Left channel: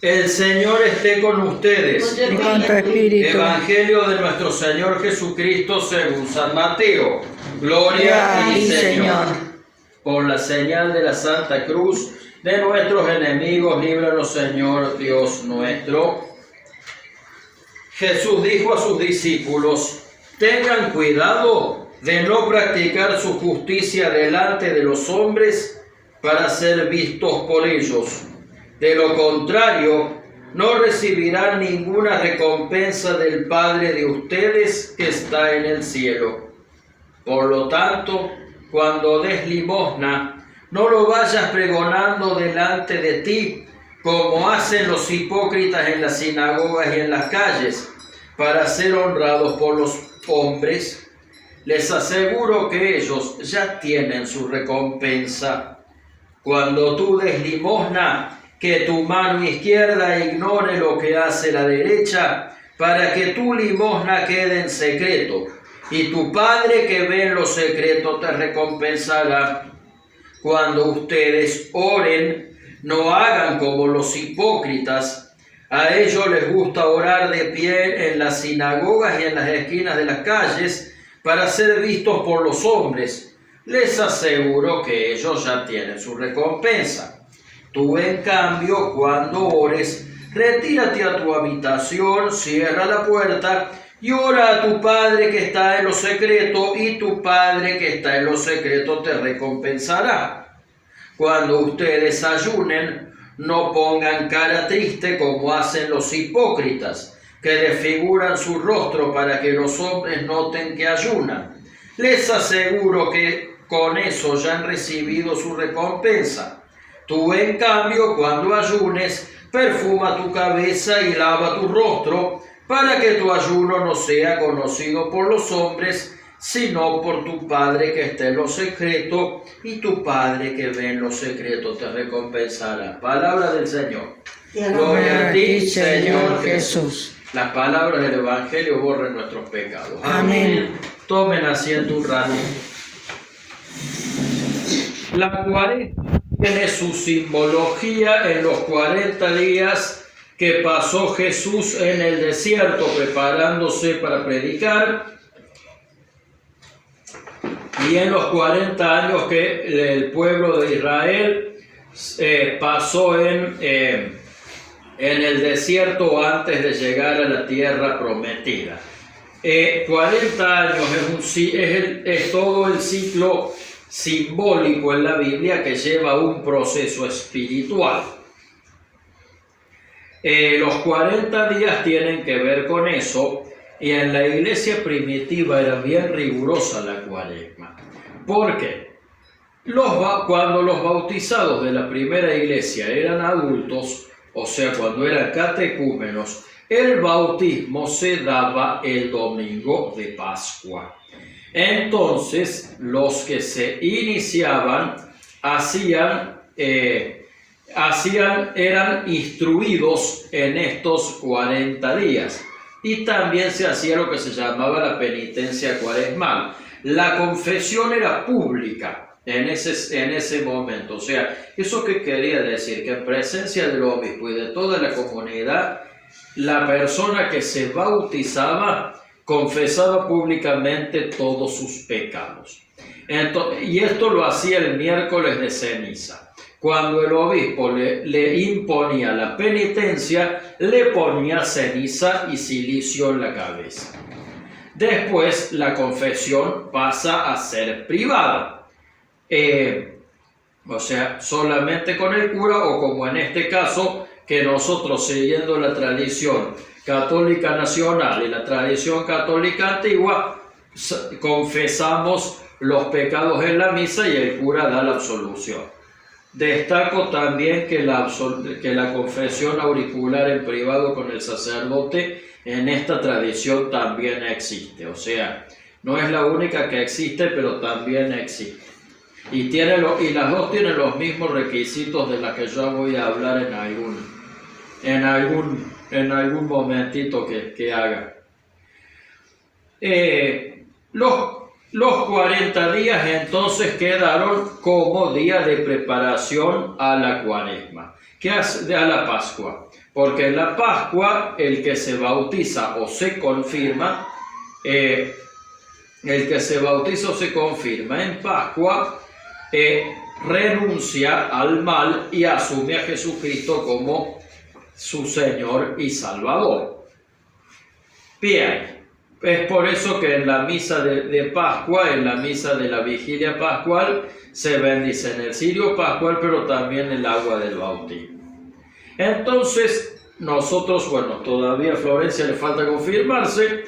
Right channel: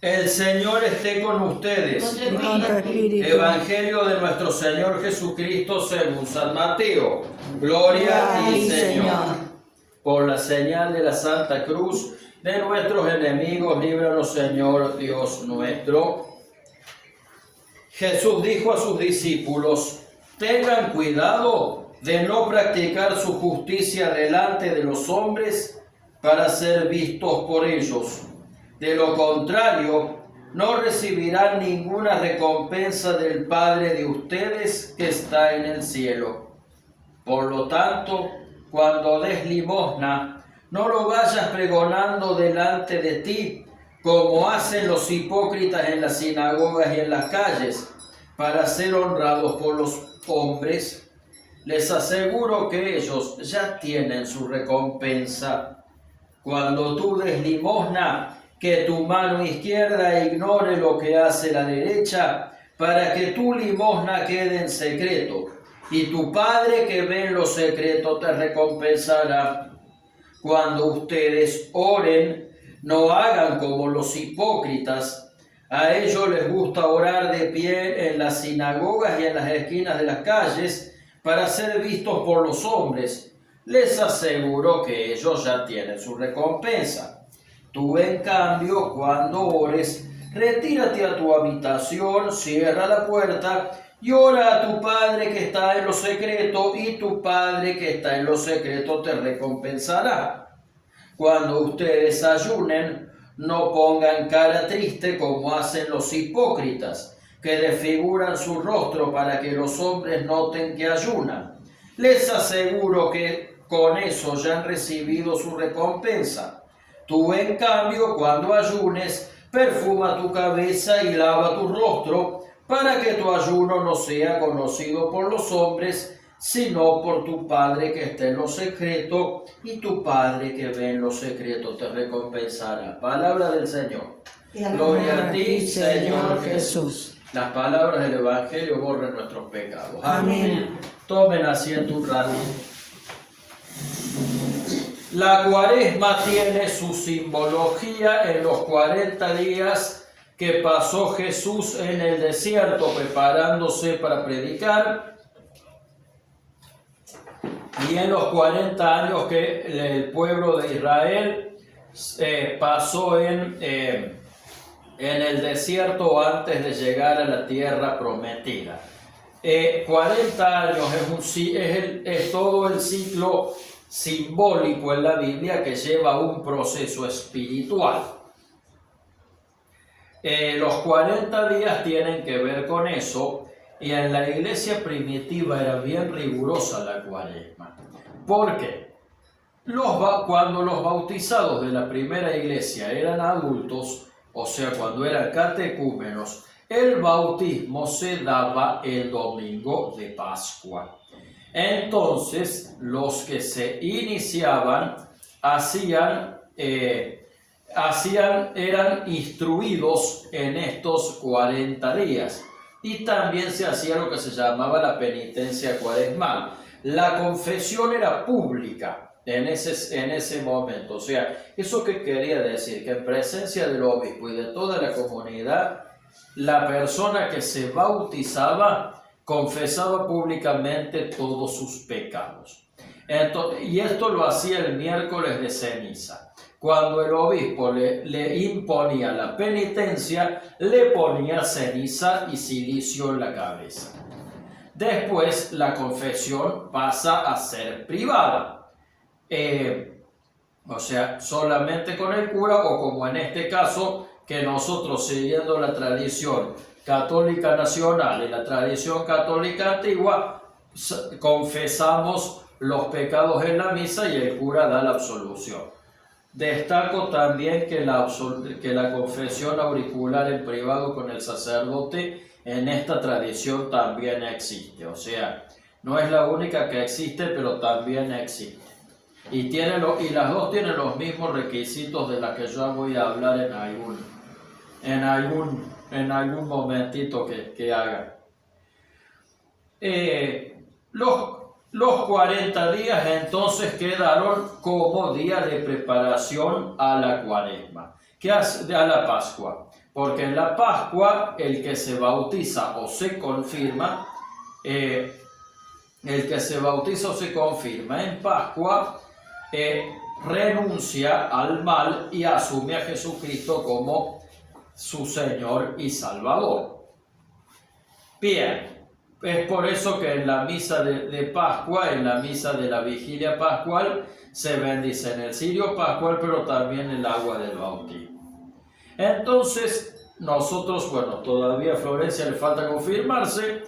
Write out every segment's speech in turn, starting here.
El Señor esté con ustedes. Y con tu espíritu. Evangelio de nuestro Señor Jesucristo según San Mateo. Gloria a ti, Señor. Por la señal de la Santa Cruz de nuestros enemigos, líbranos, Señor Dios nuestro. Jesús dijo a sus discípulos: tengan cuidado de no practicar su justicia delante de los hombres para ser vistos por ellos. De lo contrario, no recibirán ninguna recompensa del Padre de ustedes que está en el cielo. Por lo tanto, cuando des limosna, no lo vayas pregonando delante de ti, como hacen los hipócritas en las sinagogas y en las calles, para ser honrados por los hombres. Les aseguro que ellos ya tienen su recompensa. Cuando tú des limosna, que tu mano izquierda ignore lo que hace la derecha, para que tu limosna quede en secreto, y tu Padre que ve en lo secreto te recompensará. Cuando ustedes oren, no hagan como los hipócritas. A ellos les gusta orar de pie en las sinagogas y en las esquinas de las calles para ser vistos por los hombres. Les aseguro que ellos ya tienen su recompensa. Tú, en cambio, cuando ores, retírate a tu habitación, cierra la puerta y ora a tu Padre que está en lo secreto, y tu Padre que está en lo secreto te recompensará. Cuando ustedes ayunen, no pongan cara triste como hacen los hipócritas, que desfiguran su rostro para que los hombres noten que ayunan. Les aseguro que con eso ya han recibido su recompensa. Tú, en cambio, cuando ayunes, perfuma tu cabeza y lava tu rostro, para que tu ayuno no sea conocido por los hombres, sino por tu Padre que está en lo secreto, y tu Padre que ve en lo secreto te recompensará. Palabra del Señor. Gloria a ti, Señor Jesús. Las palabras del Evangelio borren nuestros pecados. Amén. Tomen asiento un ratito. La Cuaresma tiene su simbología en los 40 días que pasó Jesús en el desierto preparándose para predicar, y en los 40 años que el pueblo de Israel pasó en el desierto antes de llegar a la tierra prometida. 40 años es todo el ciclo simbólico en la Biblia que lleva un proceso espiritual. Los 40 días tienen que ver con eso, y en la iglesia primitiva era bien rigurosa la Cuaresma. ¿Por qué? Cuando los bautizados de la primera iglesia eran adultos, o sea, cuando eran catecúmenos, el bautismo se daba el domingo de Pascua. Entonces, los que se iniciaban eran instruidos en estos 40 días. Y también se hacía lo que se llamaba la penitencia cuaresmal. La confesión era pública en ese momento. O sea, ¿eso qué quería decir? Que en presencia del obispo y de toda la comunidad, la persona que se bautizaba confesaba públicamente todos sus pecados. Y esto lo hacía el miércoles de ceniza. Cuando el obispo le imponía la penitencia, le ponía ceniza y cilicio en la cabeza. Después la confesión pasa a ser privada. O sea, solamente con el cura, o como en este caso, que nosotros, siguiendo la tradición católica nacional y la tradición católica antigua, confesamos los pecados en la misa y el cura da la absolución. Destaco también que la confesión auricular en privado con el sacerdote en esta tradición también existe. O sea, no es la única que existe, pero también existe. Y las dos tienen los mismos requisitos de las que yo voy a hablar en algún momentito que haga. Los 40 días entonces quedaron como día de preparación a la Cuaresma, a la Pascua. Porque en la Pascua el que se bautiza o se confirma, en Pascua renuncia al mal y asume a Jesucristo como su Señor y Salvador. Bien, es por eso que en la misa de Pascua, en la misa de la vigilia pascual, se bendice en el cirio pascual, pero también el agua del bautismo. Entonces, nosotros, bueno, todavía a Florencia le falta confirmarse,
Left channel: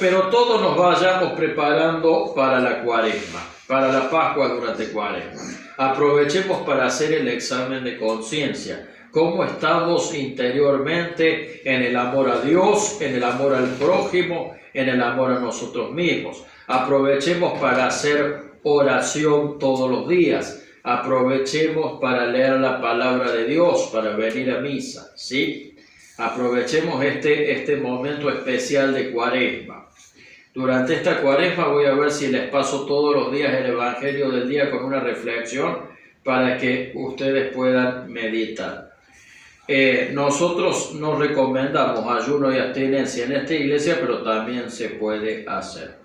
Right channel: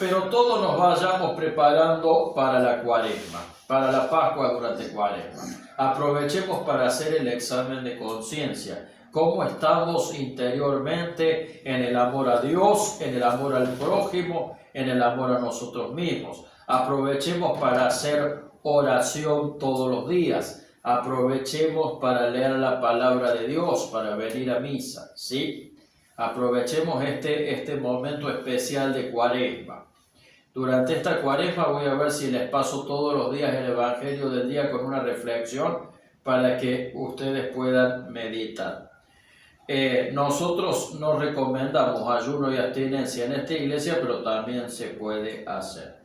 pero todos nos vayamos preparando para la Cuaresma, para la Pascua durante Cuaresma. Aprovechemos para hacer el examen de conciencia. Cómo estamos interiormente en el amor a Dios, en el amor al prójimo, en el amor a nosotros mismos. Aprovechemos para hacer oración todos los días. Aprovechemos para leer la palabra de Dios, para venir a misa, ¿sí? Aprovechemos este momento especial de Cuaresma. Durante esta Cuaresma voy a ver si les paso todos los días el Evangelio del día con una reflexión para que ustedes puedan meditar. Nosotros no recomendamos ayuno y abstinencia en esta iglesia, pero también se puede hacer.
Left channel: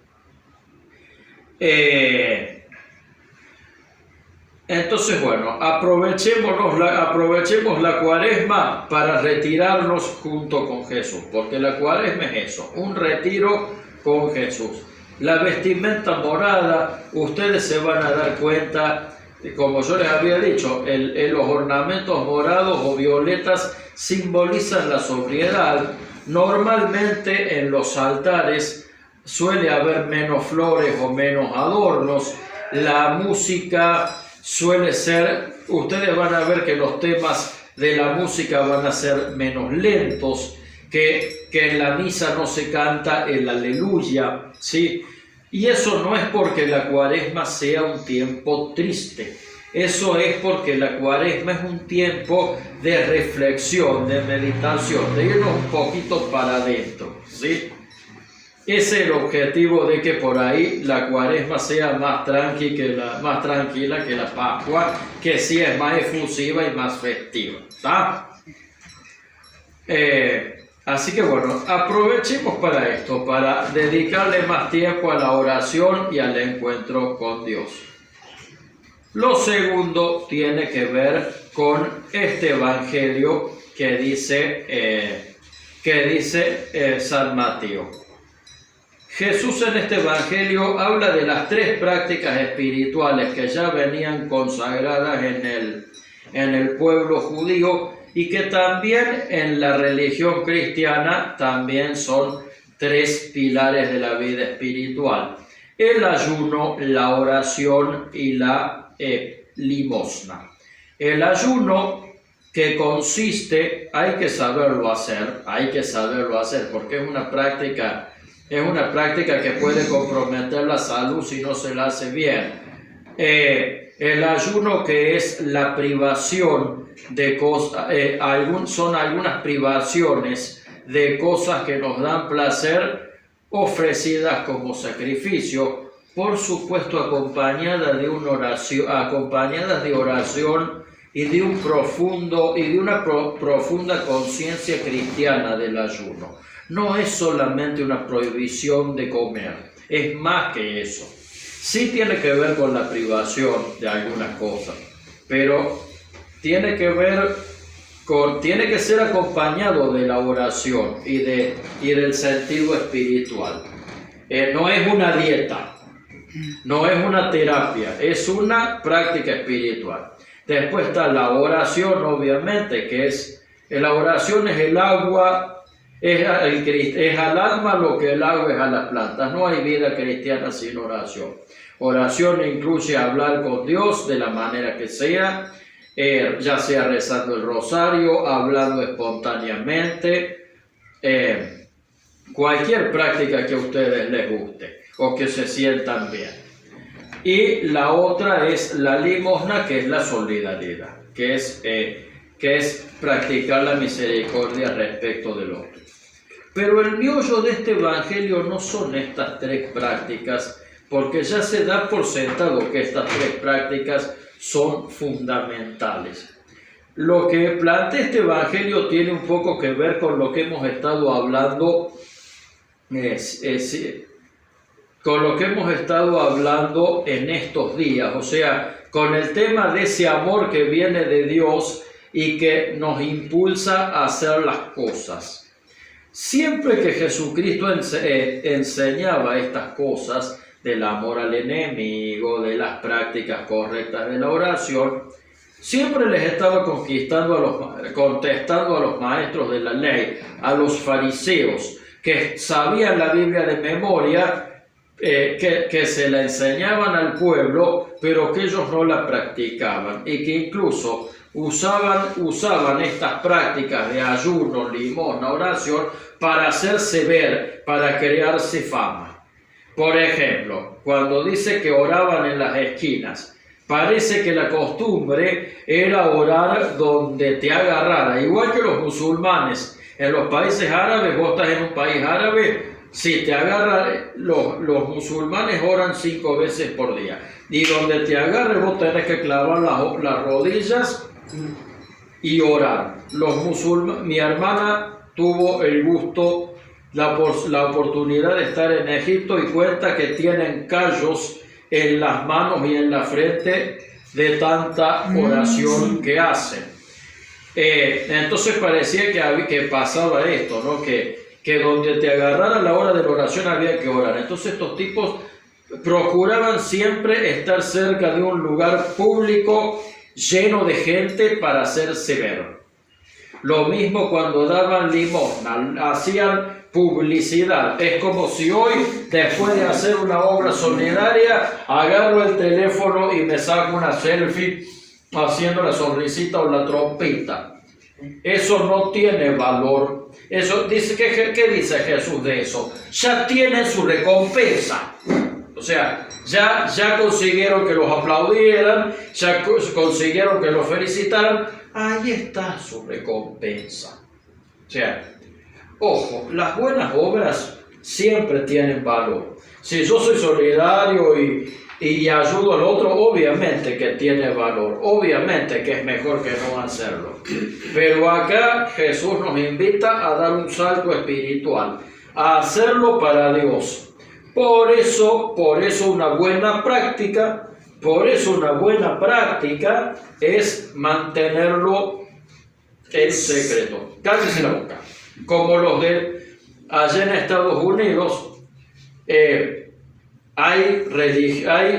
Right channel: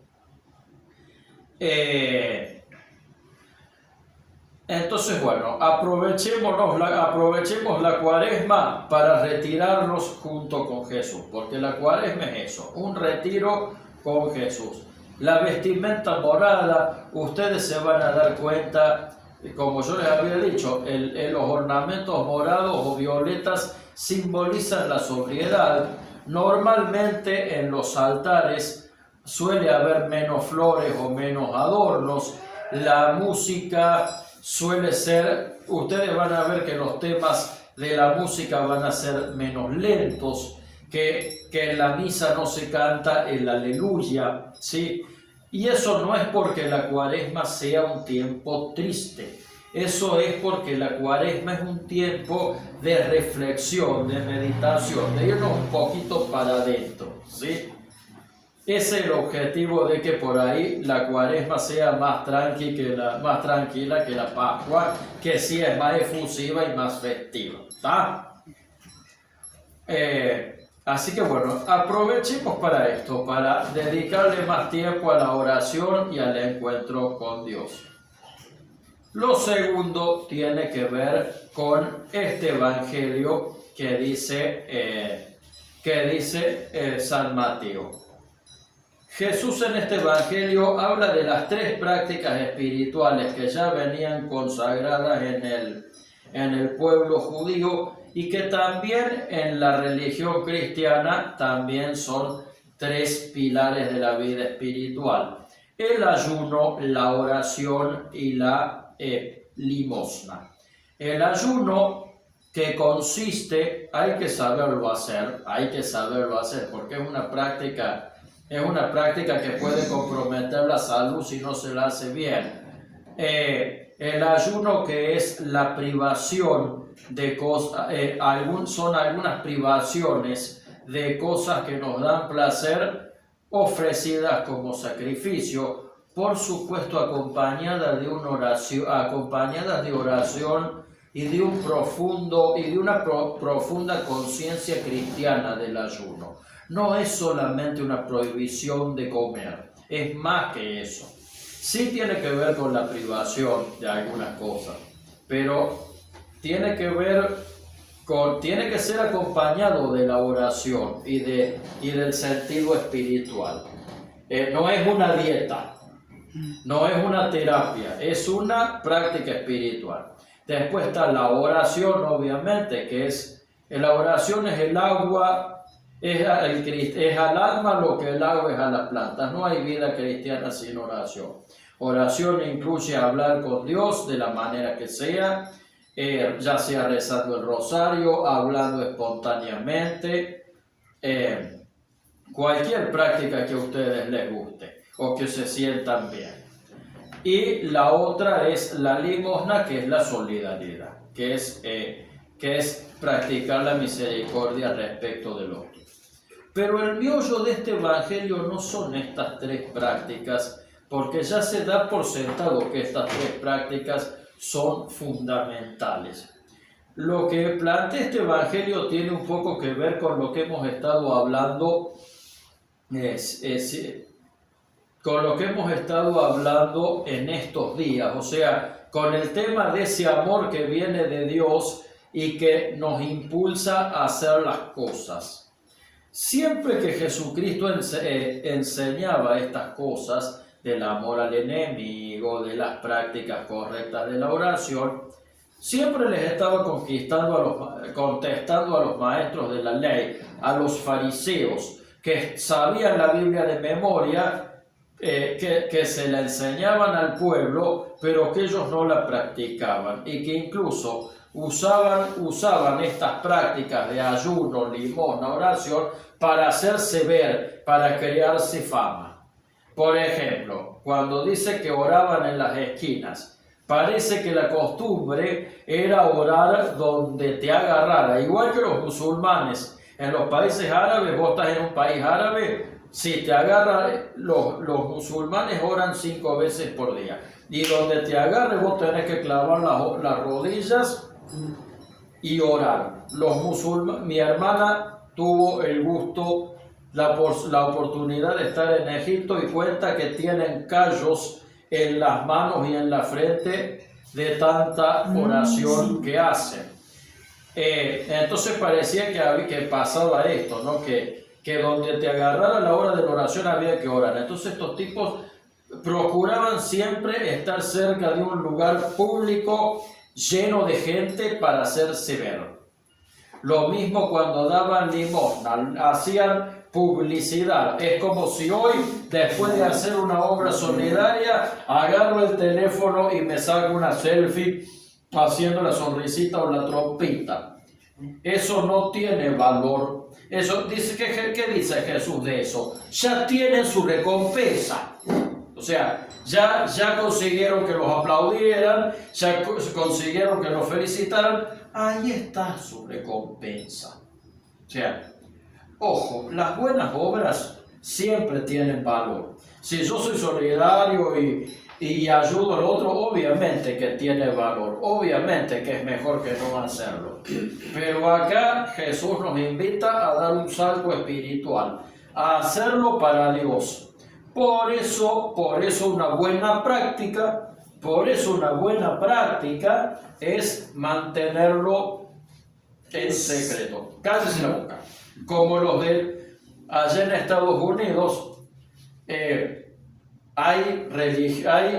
Entonces, bueno, aprovechemos la Cuaresma para retirarnos junto con Jesús, porque la Cuaresma es eso, un retiro con Jesús. La vestimenta morada, ustedes se van a dar cuenta, como yo les había dicho, los ornamentos morados o violetas simbolizan la sobriedad. Normalmente en los altares suele haber menos flores o menos adornos. La música suele ser, ustedes van a ver que los temas de la música van a ser menos lentos, que en la misa no se canta el aleluya, ¿sí? Y eso no es porque la Cuaresma sea un tiempo triste, eso es porque la Cuaresma es un tiempo de reflexión, de meditación, de irnos un poquito para adentro, ¿sí? Ese es el objetivo de que por ahí la Cuaresma sea más tranquila que la Pascua, que sí es más efusiva y más festiva, ¿está? Así que bueno, aprovechemos para esto, para dedicarle más tiempo a la oración y al encuentro con Dios. Lo segundo tiene que ver con este evangelio que dice San Mateo. Jesús en este evangelio habla de las tres prácticas espirituales que ya venían consagradas en el pueblo judío y que también en la religión cristiana también son tres pilares de la vida espiritual: el ayuno, la oración y la limosna. El ayuno, que consiste, hay que saberlo hacer porque es una práctica que puede comprometer la salud si no se la hace bien. El ayuno, que es la privación de cosas, son algunas privaciones de cosas que nos dan placer, ofrecidas como sacrificio, por supuesto acompañadas de oración y de una profunda conciencia cristiana del ayuno. No es solamente una prohibición de comer, es más que eso. Sí tiene que ver con la privación de algunas cosas, pero tiene que ser acompañado de la oración y del sentido espiritual. No es una dieta, no es una terapia, es una práctica espiritual. Después está la oración, obviamente, la oración es el agua. Es al alma lo que el agua es a las plantas. No hay vida cristiana sin oración. Oración incluye hablar con Dios de la manera que sea, ya sea rezando el rosario, hablando espontáneamente, cualquier práctica que a ustedes les guste o que se sientan bien. Y la otra es la limosna, que es la solidaridad, que es practicar la misericordia respecto del otro. Pero el meollo de este evangelio no son estas tres prácticas, porque ya se da por sentado que estas tres prácticas son fundamentales. lo que plantea este evangelio tiene un poco que ver con lo que hemos estado hablando, con lo que hemos estado hablando en estos días, o sea, con el tema de ese amor que viene de Dios y que nos impulsa a hacer las cosas. Siempre que Jesucristo enseñaba estas cosas del amor al enemigo, de las prácticas correctas de la oración, siempre les estaba contestando a los maestros de la ley, a los fariseos, que sabían la Biblia de memoria, que se la enseñaban al pueblo, pero que ellos no la practicaban y que incluso usaban estas prácticas de ayuno, limosna, oración para hacerse ver, para crearse fama. Por ejemplo, cuando dice que oraban en las esquinas, parece que la costumbre era orar donde te agarrara, igual que los musulmanes. En los países árabes, vos estás en un país árabe, si te agarran, los musulmanes oran 5 veces por día. Y donde te agarre, vos tenés que clavar las rodillas y orar. Mi hermana tuvo el gusto, la oportunidad de estar en Egipto y cuenta que tienen callos en las manos y en la frente de tanta oración que hacen. Entonces parecía que pasaba esto, ¿no? Que donde te agarrara la hora de la oración había que orar. Entonces estos tipos procuraban siempre estar cerca de un lugar público lleno de gente para hacerse ver. Lo mismo cuando daban limosna, hacían publicidad. Es como si hoy, después de hacer una obra solidaria, agarro el teléfono y me saco una selfie haciendo la sonrisita o la trompita. Eso no tiene valor. Eso dice, ¿qué dice Jesús de eso? Ya tienen su recompensa. O sea, ya consiguieron que los aplaudieran, ya consiguieron que los felicitaran. Ahí está su recompensa. O sea, ojo, las buenas obras siempre tienen valor. Si yo soy solidario y ayudo al otro, obviamente que tiene valor, obviamente que es mejor que no hacerlo. Pero acá Jesús nos invita a dar un salto espiritual, a hacerlo para Dios. Por eso una buena práctica es mantenerlo en secreto. Cállese la boca. Como los de allá en Estados Unidos, hay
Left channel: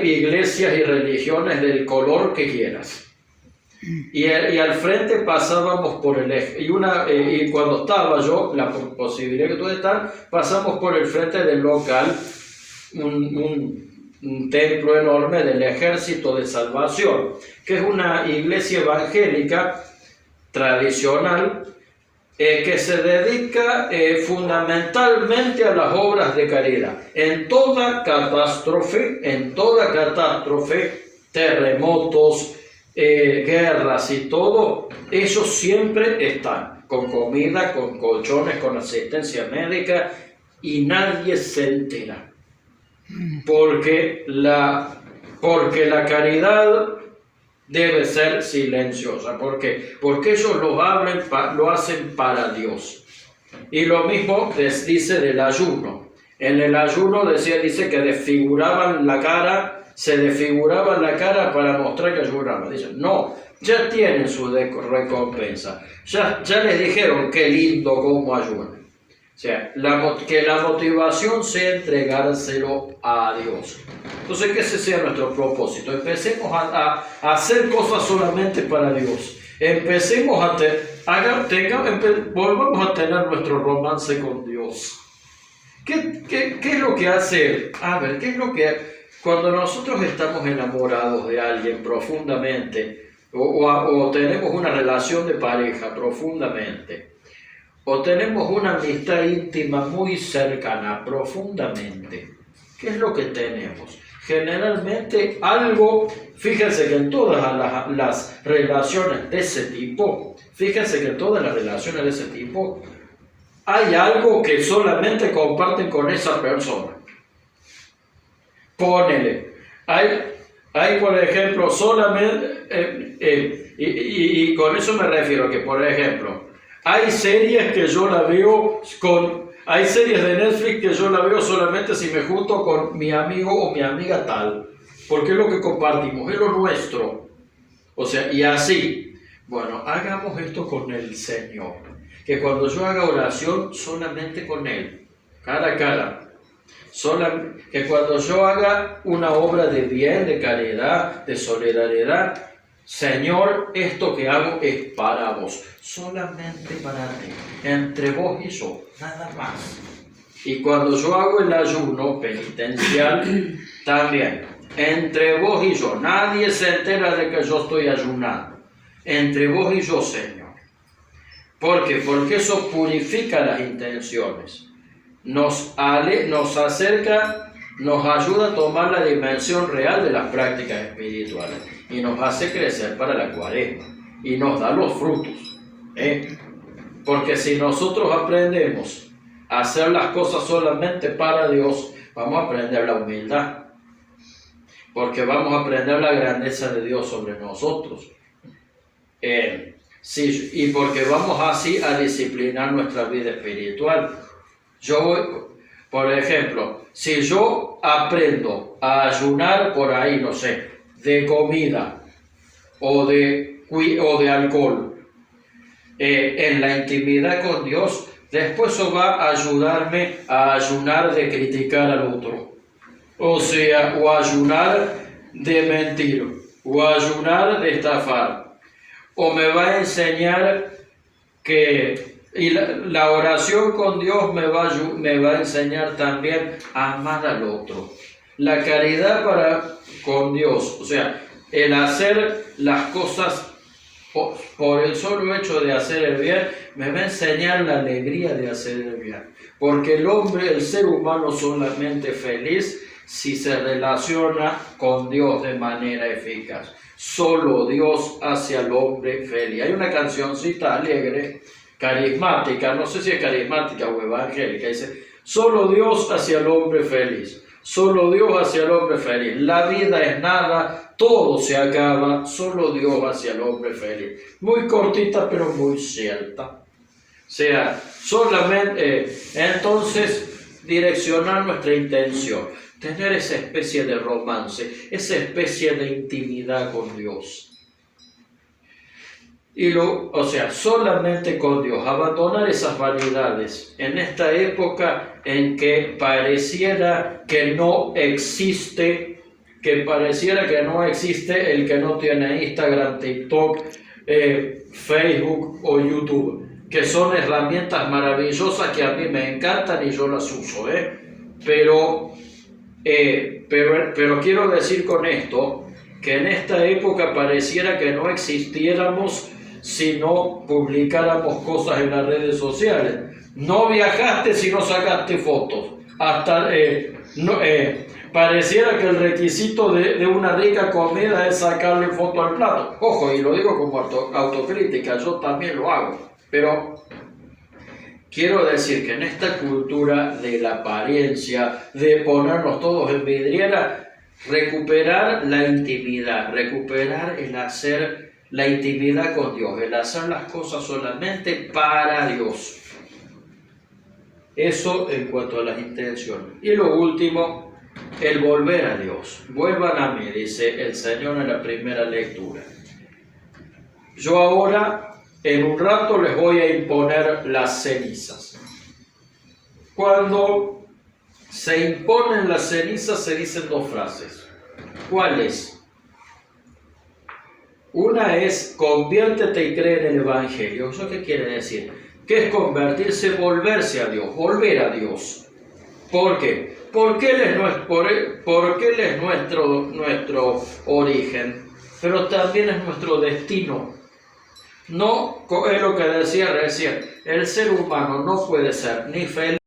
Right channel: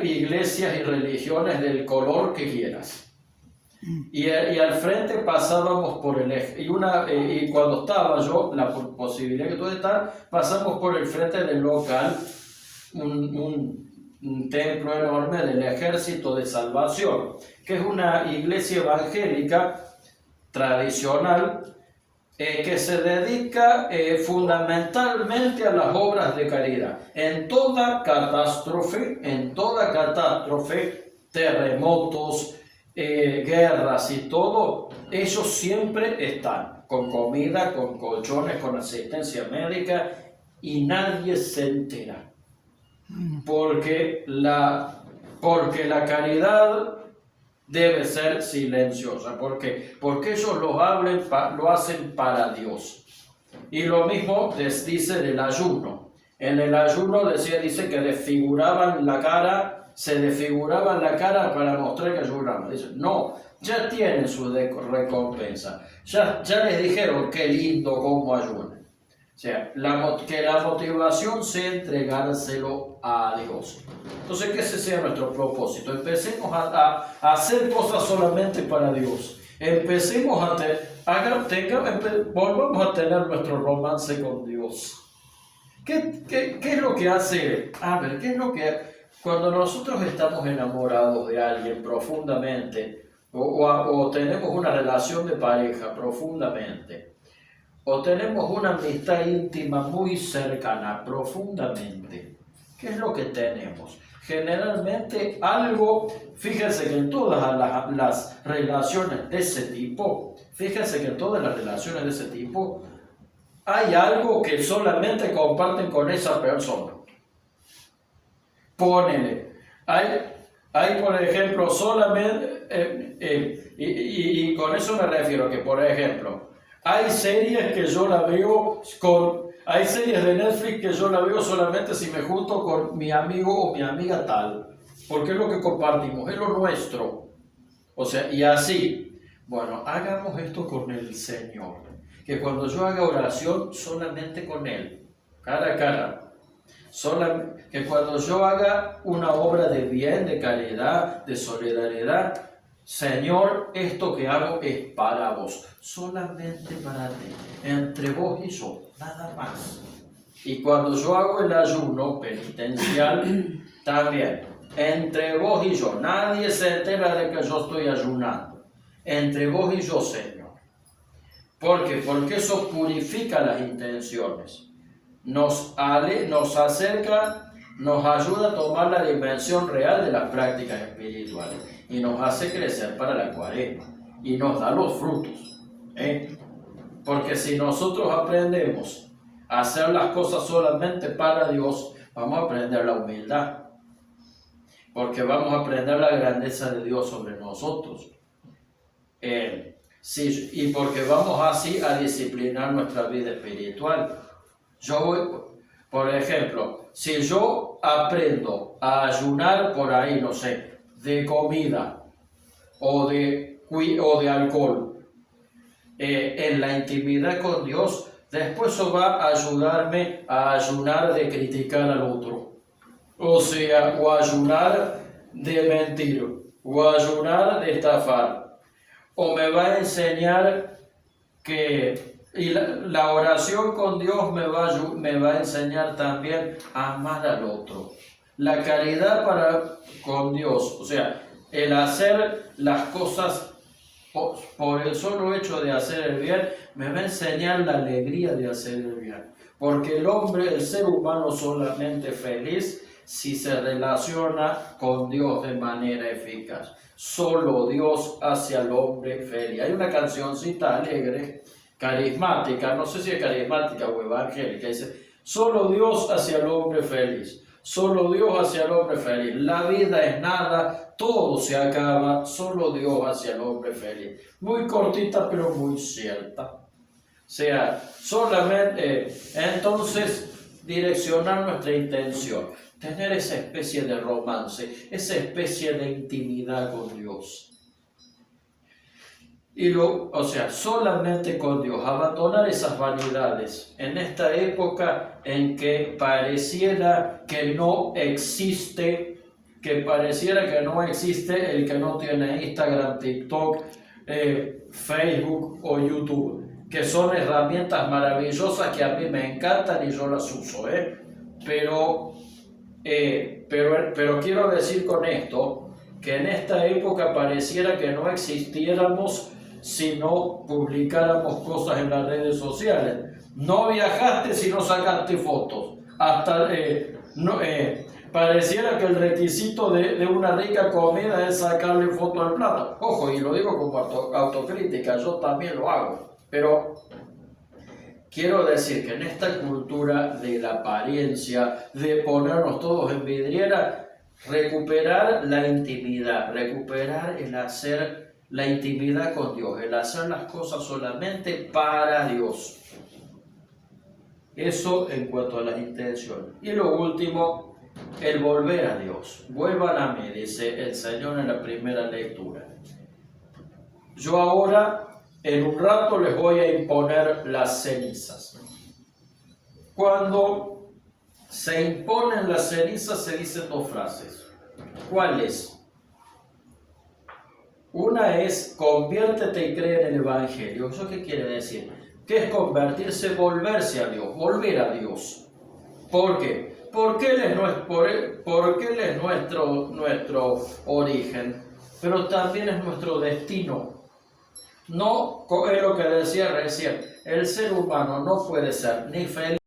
iglesias y religiones del color que quieras. Y al frente pasábamos por el eje. Y cuando estaba yo, la posibilidad que tuve de estar, pasamos por el frente del local, un templo enorme del Ejército de Salvación, que es una iglesia evangélica tradicional que se dedica fundamentalmente a las obras de caridad. En toda catástrofe, terremotos, guerras y todo, ellos siempre están con comida, con colchones, con asistencia médica y nadie se entera. Porque la caridad debe ser silenciosa. ¿Por qué? Porque ellos lo hacen para Dios. Y lo mismo les dice del ayuno. En el ayuno dice que se desfiguraban la cara para mostrar que ayunaban. Dicen, no, ya tienen su recompensa. Ya les dijeron qué lindo cómo ayunan. O sea, que la motivación sea entregárselo a Dios. Entonces, que ese sea nuestro propósito. Empecemos a hacer cosas solamente para Dios. Volvamos a tener nuestro romance con Dios. ¿Qué es lo que hace? A ver, ¿qué es lo que... Cuando nosotros estamos enamorados de alguien profundamente, o tenemos una relación de pareja profundamente, o tenemos una amistad íntima muy cercana, profundamente, ¿qué es lo que tenemos? Generalmente algo, fíjense que en todas las relaciones de ese tipo, hay algo que solamente comparten con esa persona. Ponele, Hay, por ejemplo, solamente, y con eso me refiero que, por ejemplo, hay series que yo la veo hay series de Netflix que yo la veo solamente si me junto con mi amigo o mi amiga tal, porque es lo que compartimos, es lo nuestro. O sea, y así, bueno, hagamos esto con el Señor, que cuando yo haga oración, solamente con Él, cara a cara. Que cuando yo haga una obra de bien, de caridad, de solidaridad, Señor, esto que hago es para vos, solamente para ti, entre vos y yo, nada más. Y cuando yo hago el ayuno penitencial, también, entre vos y yo, nadie se entera de que yo estoy ayunando, entre vos y yo, Señor. ¿Por qué? Porque eso purifica las intenciones. Nos acerca, nos ayuda a tomar la dimensión real de las prácticas espirituales y nos hace crecer para la Cuaresma y nos da los frutos. Porque si nosotros aprendemos a hacer las cosas solamente para Dios, vamos a aprender la humildad, porque vamos a aprender la grandeza de Dios sobre nosotros. Sí, y porque vamos así a disciplinar nuestra vida espiritual. Por ejemplo, si yo aprendo a ayunar por ahí, no sé, de comida o de alcohol, en la intimidad con Dios, después eso va a ayudarme a ayunar de criticar al otro. O sea, o ayunar de mentir, o ayunar de estafar. O me va a enseñar y la oración con Dios me va a enseñar también a amar al otro. La caridad con Dios, o sea, el hacer las cosas por el solo hecho de hacer el bien, me va a enseñar la alegría de hacer el bien. Porque el ser humano solamente feliz si se relaciona con Dios de manera eficaz. Solo Dios hace al hombre feliz. Hay una cancioncita alegre, carismática, no sé si es carismática o evangélica, dice: solo Dios hace al hombre feliz, solo Dios hace al hombre feliz, la vida es nada, todo se acaba, solo Dios hace al hombre feliz. Muy cortita pero muy cierta. O sea, solamente entonces direccionar nuestra intención, tener esa especie de romance, esa especie de intimidad con Dios. O sea, solamente con Dios, abandonar esas vanidades en esta época en que pareciera que no existe el que no tiene Instagram, TikTok, Facebook o YouTube, que son herramientas maravillosas que a mí me encantan y yo las uso, pero quiero decir con esto que en esta época pareciera que no existiéramos si no publicáramos cosas en las redes sociales. No viajaste si no sacaste fotos. Pareciera que el requisito de una rica comida es sacarle foto al plato. Ojo, y lo digo como autocrítica, yo también lo hago. Pero quiero decir que en esta cultura de la apariencia, de ponernos todos en vidriera, recuperar la intimidad, recuperar el hacer la intimidad con Dios, el hacer las cosas solamente para Dios. Eso en cuanto a las intenciones. Y lo último, el volver a Dios. Vuelvan a mí, dice el Señor en la primera lectura. Yo ahora, en un rato, les voy a imponer las cenizas. Cuando se imponen las cenizas se dicen dos frases. ¿Cuáles? Una es: conviértete y cree en el Evangelio. ¿Eso qué quiere decir? ¿Qué es convertirse? Volverse a Dios, volver a Dios. ¿Por qué? Porque Él es nuestro origen, pero también es nuestro destino. No, es lo que decía recién, el ser humano no puede ser ni feliz